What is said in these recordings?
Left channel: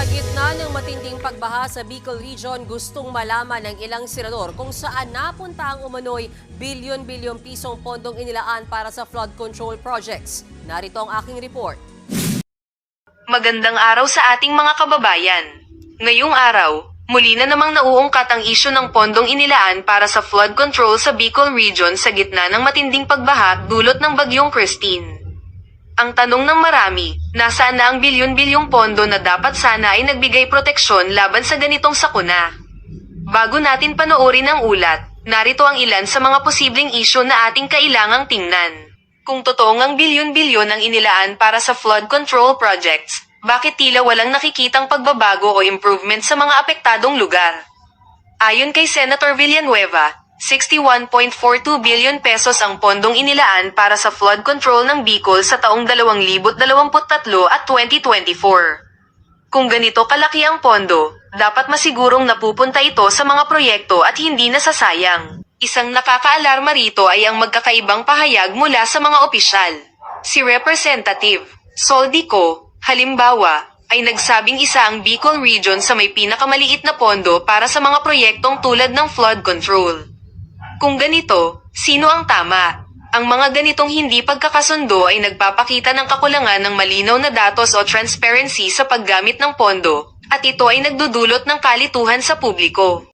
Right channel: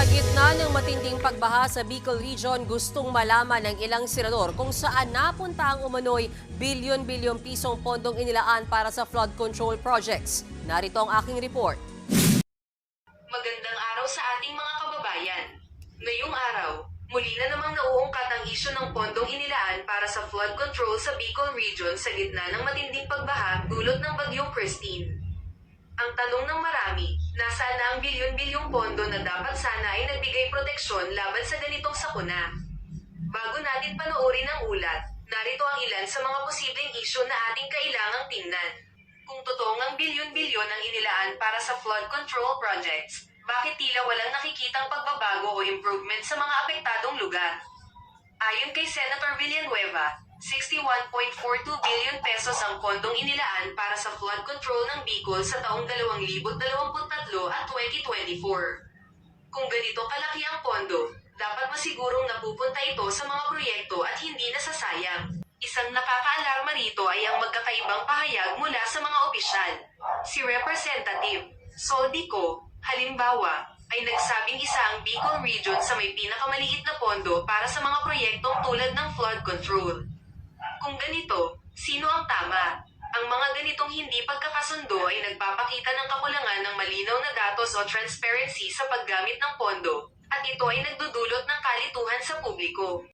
Sa gitna ng matinding pagbaha sa Bicol Region, gustong malaman ng ilang senador kung saan napunta ang umano'y bilyon-bilyong pisong pondong inilaan para sa flood control projects. Narito ang aking report. Magandang araw sa ating mga kababayan. Ngayong araw, muli na namang nauungkat ang isyu ng pondong inilaan para sa flood control sa Bicol Region sa gitna ng matinding pagbaha dulot ng bagyong Christine. Ang tanong ng marami, nasaan na ang bilyon-bilyong pondo na dapat sana ay nagbigay proteksyon laban sa ganitong sakuna? Bago natin panoorin ang ulat, narito ang ilan sa mga posibleng isyu na ating kailangang tingnan. Kung totoong ang bilyon-bilyon ang inilaan para sa flood control projects, bakit tila walang nakikitang pagbabago o improvement sa mga apektadong lugar? Ayon kay Senator Villanueva, 61.42 billion pesos ang pondong inilaan para sa flood control ng Bicol sa taong 2023 at 2024. Kung ganito kalaki ang pondo, dapat masigurong napupunta ito sa mga proyekto at hindi nasasayang. Isang nakakaalarma rito ay ang magkakaibang pahayag mula sa mga opisyal. Si Representative Soldico, halimbawa, ay nagsabing isa ang Bicol Region sa may pinakamaliit na pondo para sa mga proyektong tulad ng flood control. Kung ganito, sino ang tama? Ang mga ganitong hindi pagkakasundo ay nagpapakita ng kakulangan ng malinaw na datos o transparency sa paggamit ng pondo, at ito ay nagdudulot ng kalituhan sa publiko.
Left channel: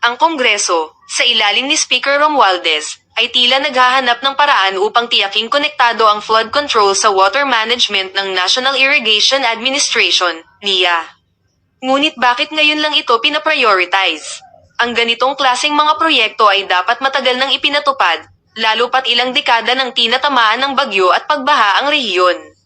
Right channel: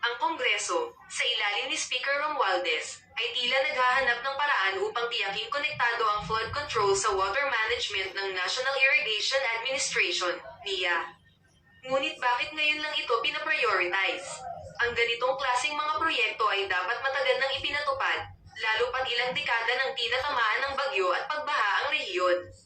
Ang Kongreso, sa ilalim ni Speaker Romualdez, ay tila naghahanap ng paraan upang tiyaking konektado ang flood control sa water management ng National Irrigation Administration, NIA. Ngunit bakit ngayon lang ito pinaprioritize? Ang ganitong klaseng mga proyekto ay dapat matagal nang ipinatupad, lalo pat ilang dekada nang tinatamaan ng bagyo at pagbaha ang rehiyon.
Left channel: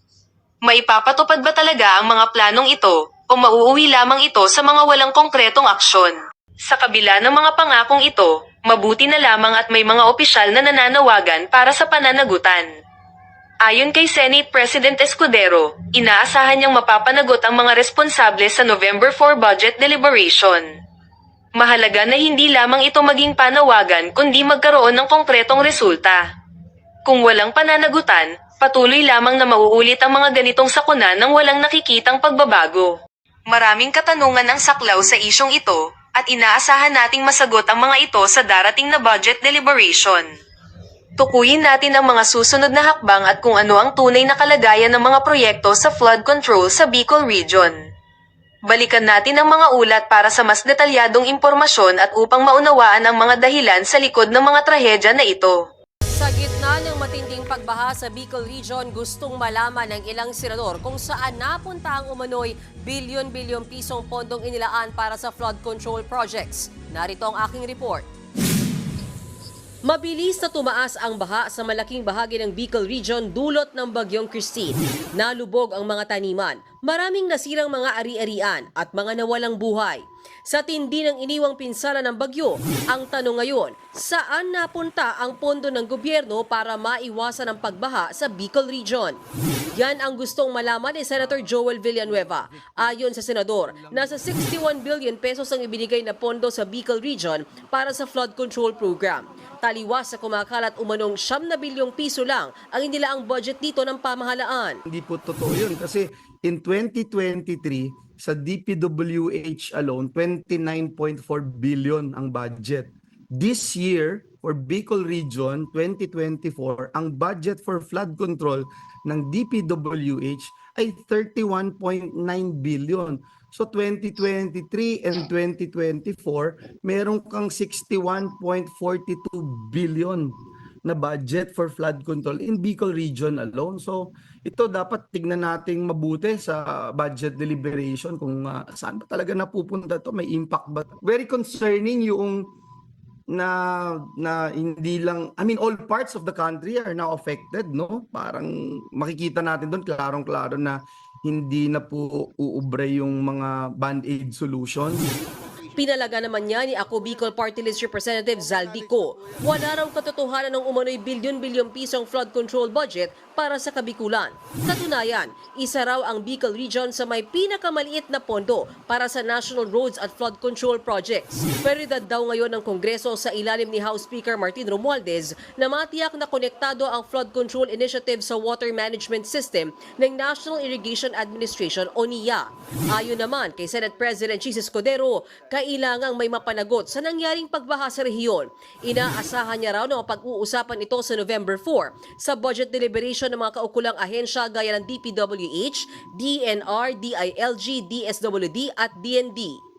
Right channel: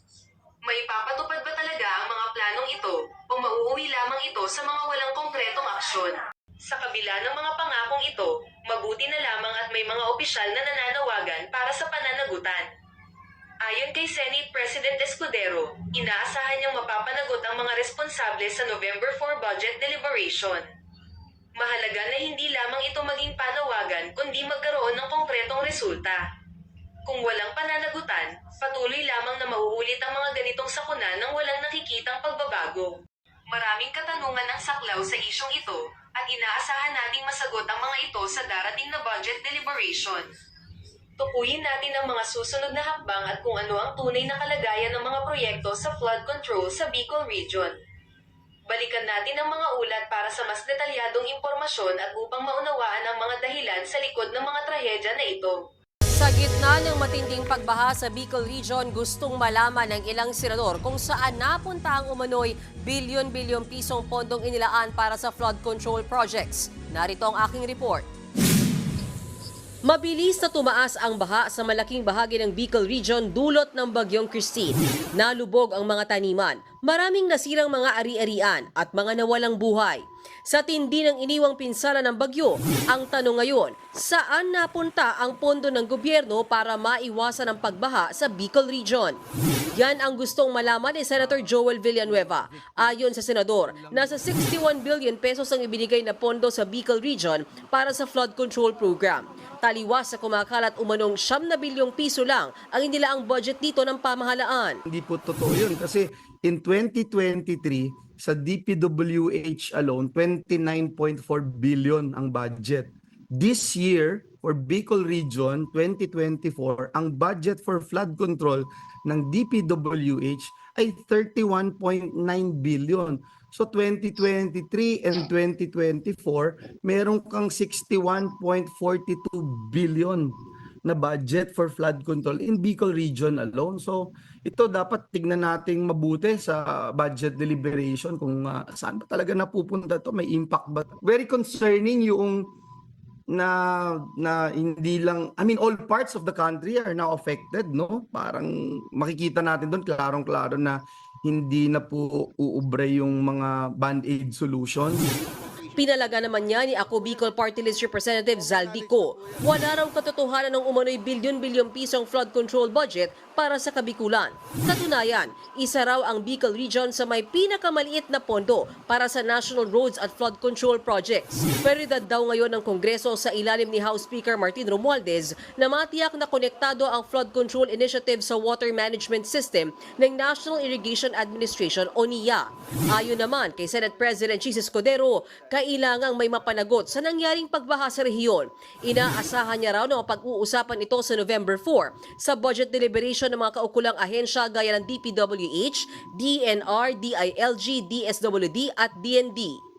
Maipapatupad ba talaga ang mga planong ito, o mauuwi lamang ito sa mga walang konkretong aksyon? Sa kabila ng mga pangakong ito, mabuti na lamang at may mga opisyal na nananawagan para sa pananagutan. Ayon kay Senate President Escudero, inaasahan niyang mapapanagot ang mga responsable sa November 4 budget deliberation. Mahalaga na hindi lamang ito maging panawagan kundi magkaroon ng konkretong resulta. Kung walang pananagutan, patuloy lamang na mauulit ang mga ganitong sakuna nang walang nakikitang pagbabago. Maraming katanungan ang saklaw sa isyong ito, at inaasahan nating masagot ang mga ito sa darating na budget deliberation. Tukuyin natin ang mga susunod na hakbang at kung ano ang tunay na kalagayan ng mga proyekto sa flood control sa Bicol Region. Balikan natin ang mga ulat para sa mas detalyadong impormasyon at upang maunawaan ang mga dahilan sa likod ng mga trahedya na ito. Sa gitna ng matinding pagbaha sa Bicol Region, gustong malaman ng ilang senador kung saan napunta ang umano'y bilyon-bilyong pisong pondong inilaan para sa flood control projects. Narito ang aking report. Mabilis na tumaas ang baha sa malaking bahagi ng Bicol Region dulot ng bagyong Christine. Nalubog ang mga taniman, maraming nasirang mga ari-arian at mga nawalang buhay. Sa tindi ng iniwang pinsala ng bagyo, ang tanong ngayon, saan napunta ang pondo ng gobyerno para maiwasan ang pagbaha sa Bicol Region? Yan ang gustong malaman ni Senator Joel Villanueva. Ayon sa senador, nasa 61 billion pesos ang ibinigay na pondo sa Bicol Region para sa flood control program. Taliwas sa kumakalat umanong 9 na bilyong piso lang ang inilaang budget dito ng pamahalaan. Hindi po totoo yun kasi in 2023 sa DPWH alone 29.4 billion ang budget. This year for Bicol Region 2024 ang budget for flood control ng DPWH ay 31.9 billion. So 2023 and 2024, meron kang 61.42 billion na budget for flood control in Bicol Region alone. So ito dapat tignan nating mabuti sa budget deliberation kung saan ba talaga napupunta to, may impact ba. Very concerning yung na hindi lang, I mean all parts of the country are now affected, no? Parang makikita natin doon klarong-klaro na hindi na po uubre yung mga band-aid solutions. Pinalaga naman niya ni Ako Bicol Party List Representative Zaldico. Wala raw katotohanan ng umano'y bilyon-bilyong pisong flood control budget para sa Kabikulan. Katunayan, isa raw ang Bicol Region sa may pinakamaliit na pondo para sa national roads at flood control projects. Prioridad daw ngayon ng Kongreso sa ilalim ni House Speaker Martin Romualdez na matiyak na konektado ang flood control initiative sa water management system ng National Irrigation Administration o NIA. Ayon naman kay Senate President Chis Escudero, kailangang may mapanagot sa nangyaring pagbaha sa rehiyon. Inaasahan niya raw na mapag-uusapan ito sa November 4 sa budget deliberation ng mga kaukulang ahensya gaya ng DPWH, DNR, DILG, DSWD at DND.